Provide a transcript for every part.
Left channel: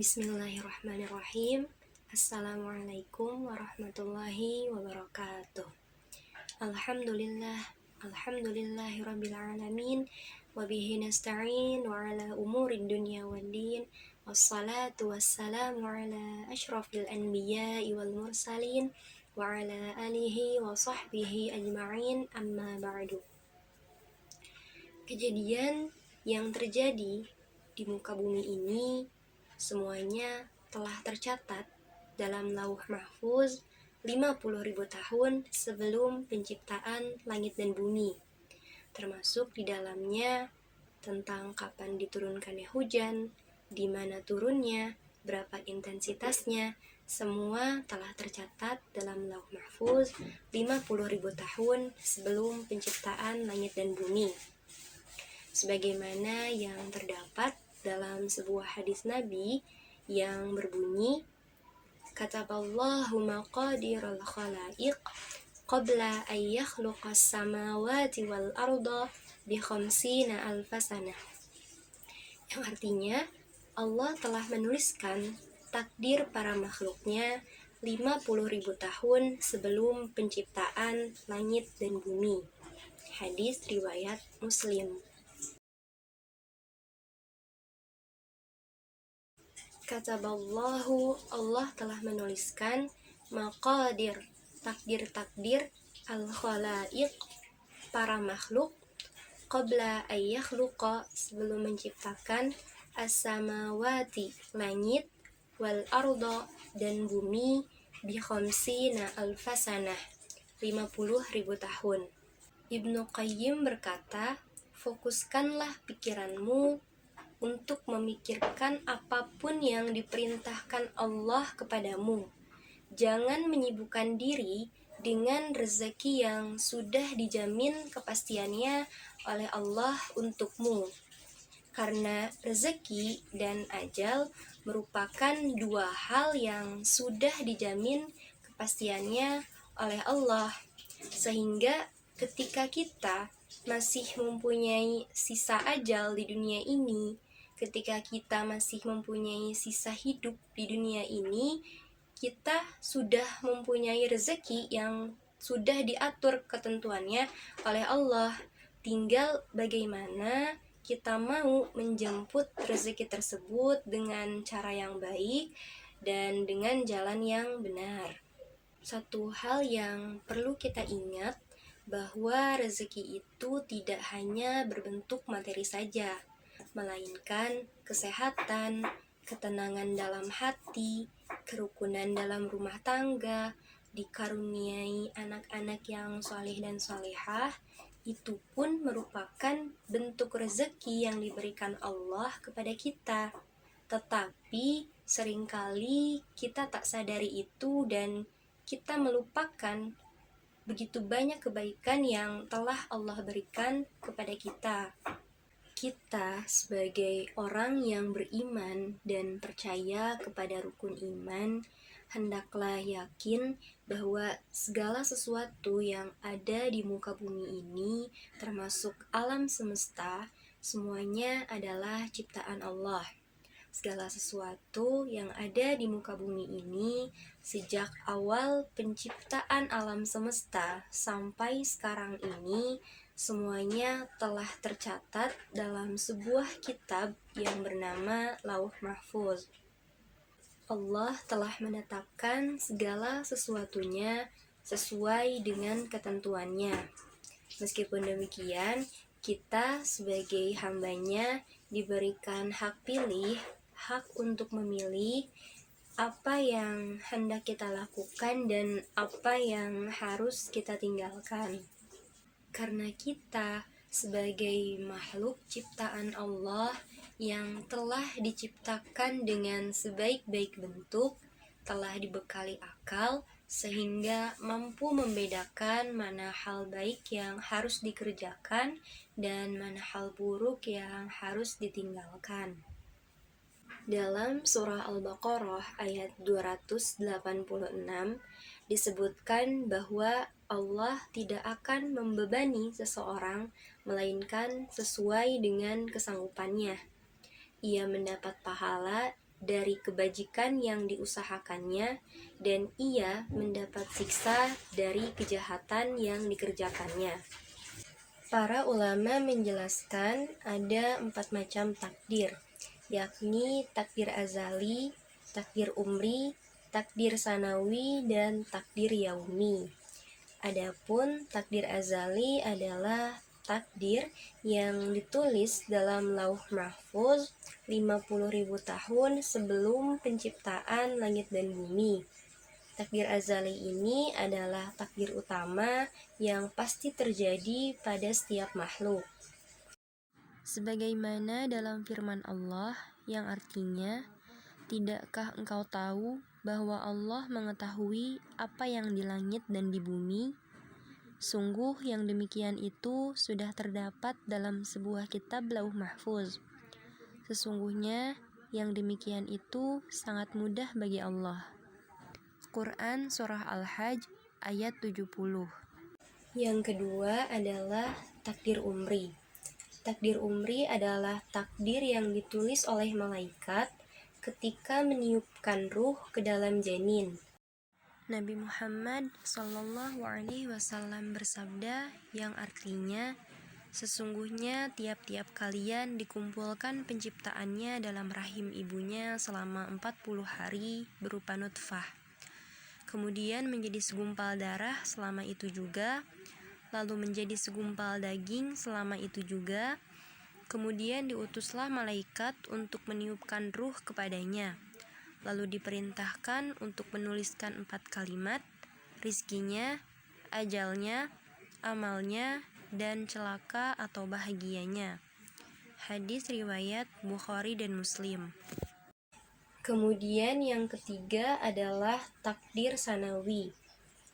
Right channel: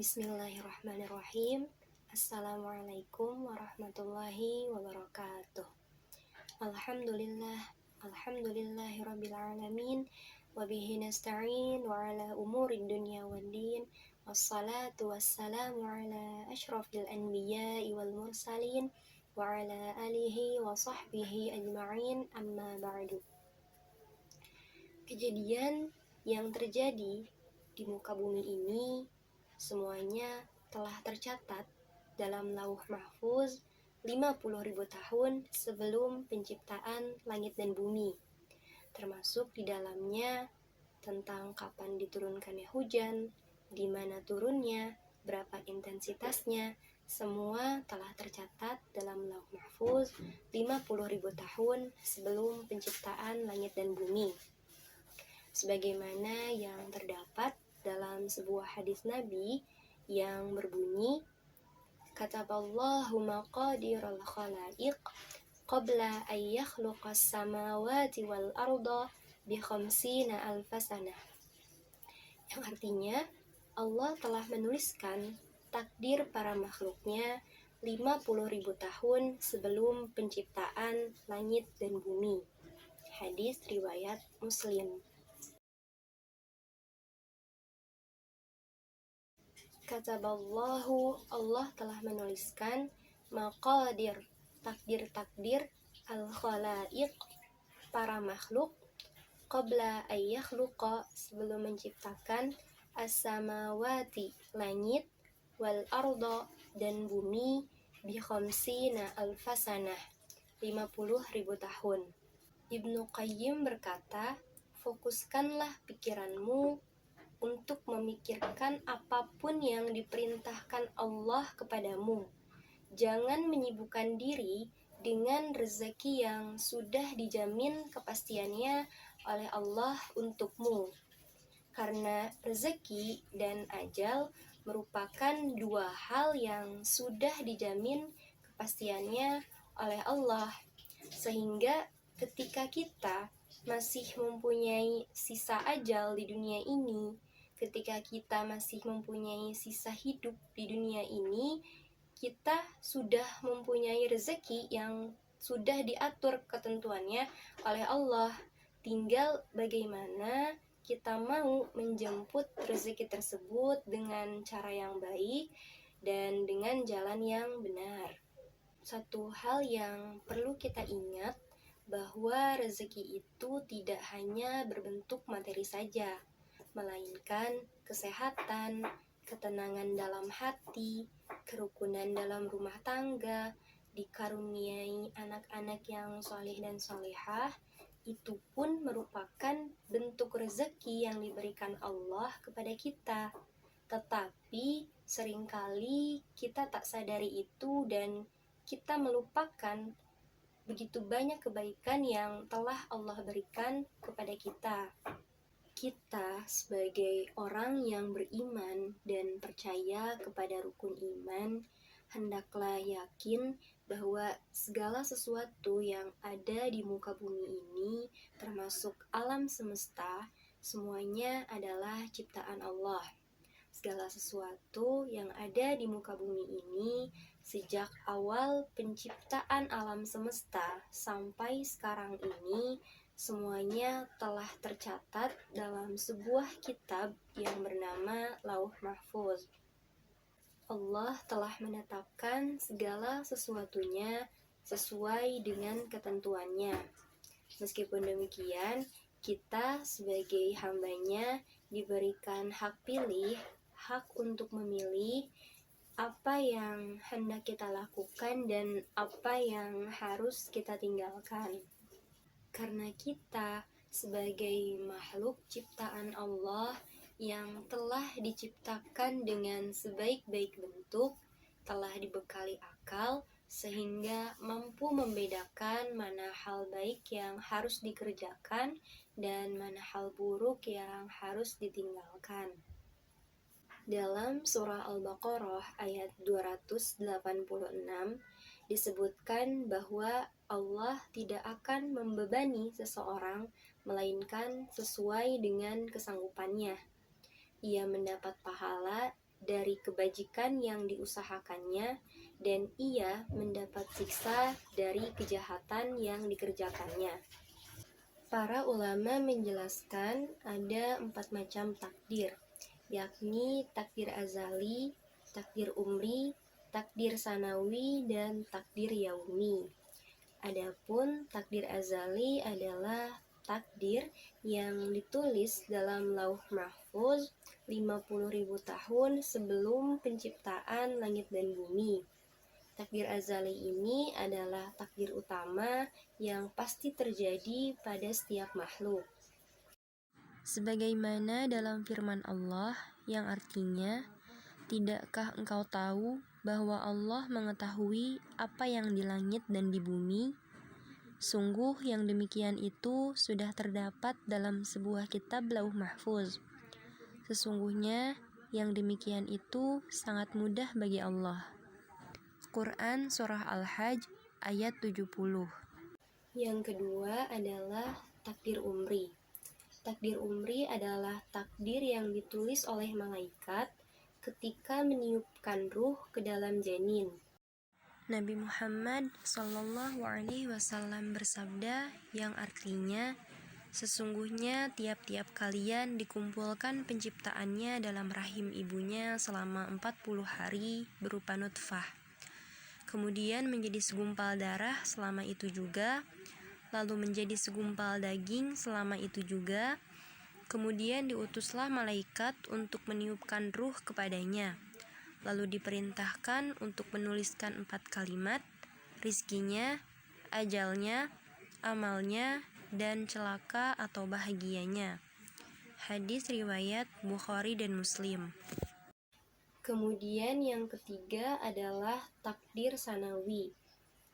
Bismillahirrahmanirrahim. Assalamualaikum warahmatullahi wabarakatuh. Alhamdulillahirabbil alamin wa bihi nasta'in wa ala umurid dunya waddin. Wassalatu wassalamu ala asyrafil anbiya'i wal mursalin wa ala alihi wa sahbihi ajma'in, amma ba'du. Kejadian yang terjadi di muka bumi ini semuanya telah tercatat dalam Lauh Mahfuz 50.000 tahun sebelum penciptaan langit dan bumi. Termasuk di dalamnya tentang kapan diturunkannya hujan, di mana turunnya, berapa intensitasnya, semua telah tercatat dalam Lauh Mahfuz 50.000 tahun sebelum penciptaan langit dan bumi. Sebagaimana yang terdapat dalam sebuah hadis Nabi yang berbunyi, kataballahu maqadiral khalaiq qabla an yakhluqas samawati wal arda bi khamsina alfasana, yang artinya Allah telah menuliskan takdir para makhluknya 50.000 tahun sebelum penciptaan langit dan bumi. Hadis riwayat Muslim. Kataballahu, Allah telah menuliskan, maqadir, takdir-takdir, al-khalaiq, para makhluk, qabla ayyakhluqa, sebelum menciptakan, as-samawati, langit, wal arda, dan bumi, bi khamsina alfasanah, 50.000 tahun. Ibnu Qayyim berkata, fokuskanlah pikiranmu untuk memikirkan apapun yang diperintahkan Allah kepadamu. Jangan menyibukkan diri dengan rezeki yang sudah dijamin kepastiannya oleh Allah untukmu. Karena rezeki dan ajal merupakan dua hal yang sudah dijamin kepastiannya oleh Allah. Sehingga ketika kita masih mempunyai sisa ajal di dunia ini, ketika kita masih mempunyai sisa hidup di dunia ini, kita sudah mempunyai rezeki yang sudah diatur ketentuannya oleh Allah. Tinggal bagaimana kita mau menjemput rezeki tersebut dengan cara yang baik dan dengan jalan yang benar. Satu hal yang perlu kita ingat, bahwa rezeki itu tidak hanya berbentuk materi saja, melainkan kesehatan, ketenangan dalam hati, kerukunan dalam rumah tangga, dikaruniai anak-anak yang soleh dan solehah, itu pun merupakan bentuk rezeki yang diberikan Allah kepada kita. Tetapi seringkali kita tak sadari itu dan kita melupakan begitu banyak kebaikan yang telah Allah berikan kepada kita. Kita sebagai orang yang beriman dan percaya kepada rukun iman, hendaklah yakin bahwa segala sesuatu yang ada di muka bumi ini, termasuk alam semesta, semuanya adalah ciptaan Allah. Segala sesuatu yang ada di muka bumi ini, sejak awal penciptaan alam semesta sampai sekarang ini, semuanya telah tercatat dalam sebuah kitab yang bernama Lauh Mahfuz. Allah telah menetapkan segala sesuatunya sesuai dengan ketentuannya. Meskipun demikian, kita sebagai hambanya diberikan hak pilih, hak untuk memilih apa yang hendak kita lakukan dan apa yang harus kita tinggalkan. Karena kita sebagai makhluk ciptaan Allah yang telah diciptakan dengan sebaik-baik bentuk, telah dibekali akal sehingga mampu membedakan mana hal baik yang harus dikerjakan dan mana hal buruk yang harus ditinggalkan. Dalam surah Al-Baqarah ayat 286 disebutkan bahwa Allah tidak akan membebani seseorang melainkan sesuai dengan kesanggupannya. Ia mendapat pahala dari kebajikan yang diusahakannya, dan ia mendapat siksa dari kejahatan yang dikerjakannya. Para ulama menjelaskan ada 4 macam takdir, yakni takdir azali, takdir umri, takdir sanawi, dan takdir yaumi. Adapun takdir azali adalah takdir yang ditulis dalam lauh mahfuz 50.000 tahun sebelum penciptaan langit dan bumi. Takdir azali ini adalah takdir utama yang pasti terjadi pada setiap makhluk. Sebagaimana dalam firman Allah yang artinya, "Tidakkah engkau tahu bahwa Allah mengetahui apa yang di langit dan di bumi? Sungguh yang demikian itu sudah terdapat dalam sebuah kitab lauh mahfuz. Sesungguhnya yang demikian itu sangat mudah bagi Allah." Quran Surah Al-Hajj ayat 70. Yang kedua adalah takdir umri. Takdir umri adalah takdir yang ditulis oleh malaikat ketika meniupkan ruh ke dalam janin. Nabi Muhammad SAW bersabda yang artinya, "Sesungguhnya tiap-tiap kalian dikumpulkan penciptaannya dalam rahim ibunya selama 40 hari berupa nutfah. Kemudian menjadi segumpal darah selama itu juga, lalu menjadi segumpal daging selama itu juga. Kemudian diutuslah malaikat untuk meniupkan ruh kepadanya. Lalu diperintahkan untuk menuliskan 4 kalimat, rizkinya, ajalnya, amalnya, dan celaka atau bahagianya." Hadis riwayat Bukhari dan Muslim. Kemudian yang ketiga adalah takdir sanawi.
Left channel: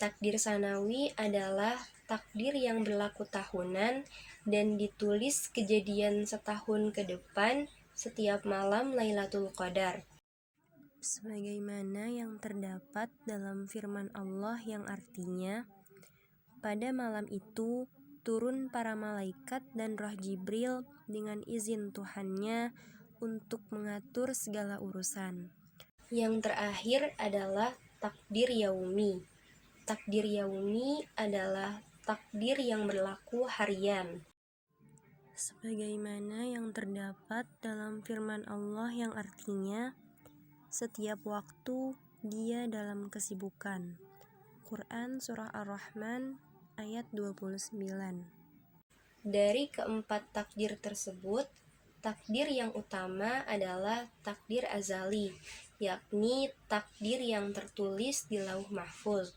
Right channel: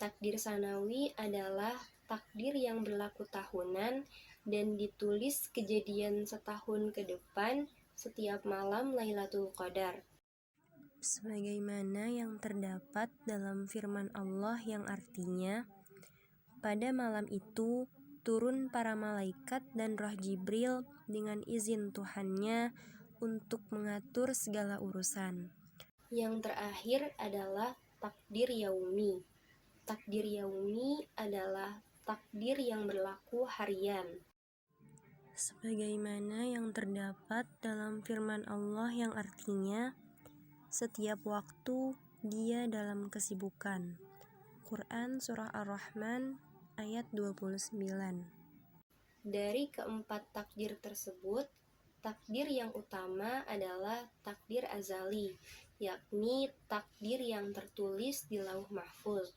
Takdir sanawi adalah takdir yang berlaku tahunan dan ditulis kejadian setahun ke depan setiap malam Lailatul Qadar. Sebagaimana yang terdapat dalam firman Allah yang artinya, "Pada malam itu turun para malaikat dan roh Jibril dengan izin Tuhannya untuk mengatur segala urusan." Yang terakhir adalah takdir yaumi. Takdir yaumi adalah takdir yang berlaku harian. Sebagaimana yang terdapat dalam firman Allah yang artinya, "Setiap waktu dia dalam kesibukan." Quran Surah Ar-Rahman ayat 29. Dari keempat takdir tersebut, takdir yang utama adalah takdir azali, yakni takdir yang tertulis di lauh mahfuz.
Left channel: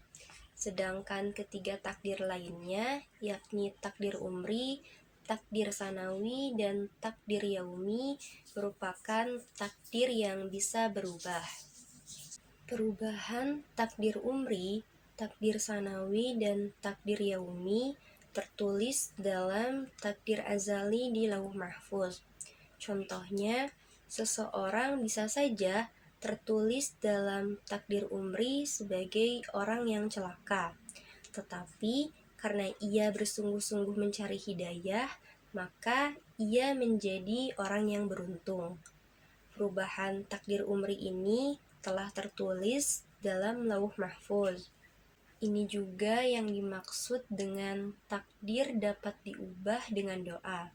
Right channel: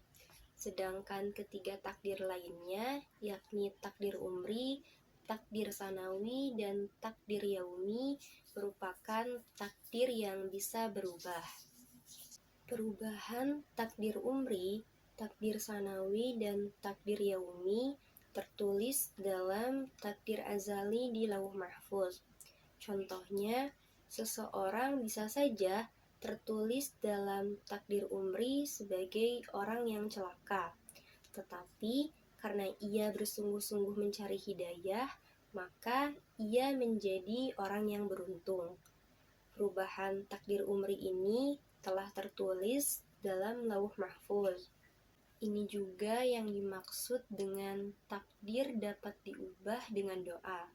Sedangkan ketiga takdir lainnya, yakni takdir umri, takdir sanawi, dan takdir yaumi, merupakan takdir yang bisa berubah. Perubahan takdir umri, takdir sanawi, dan takdir yaumi tertulis dalam takdir azali di lauh mahfuz. Contohnya, seseorang bisa saja tertulis dalam takdir umri sebagai orang yang celaka, tetapi karena ia bersungguh-sungguh mencari hidayah, maka ia menjadi orang yang beruntung. Perubahan takdir umri ini telah tertulis dalam lauh mahfuz. Ini juga yang dimaksud dengan takdir dapat diubah dengan doa.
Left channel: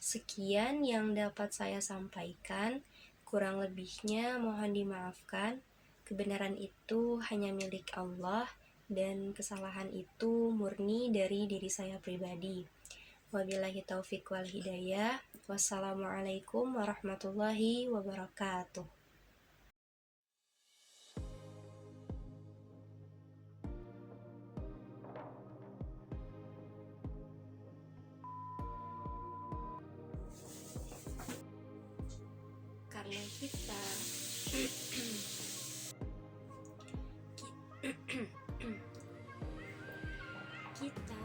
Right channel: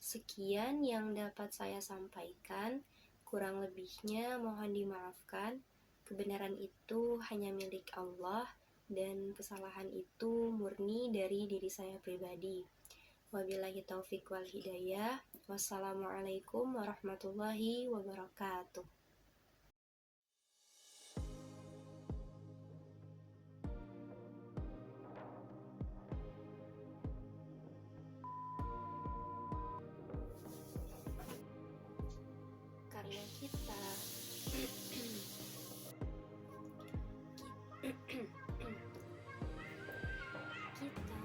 Sekian yang dapat saya sampaikan, kurang lebihnya mohon dimaafkan. Kebenaran itu hanya milik Allah dan kesalahan itu murni dari diri saya pribadi. Wabillahi taufiq wal hidayah. Wassalamualaikum warahmatullahi wabarakatuh. Karena kita kita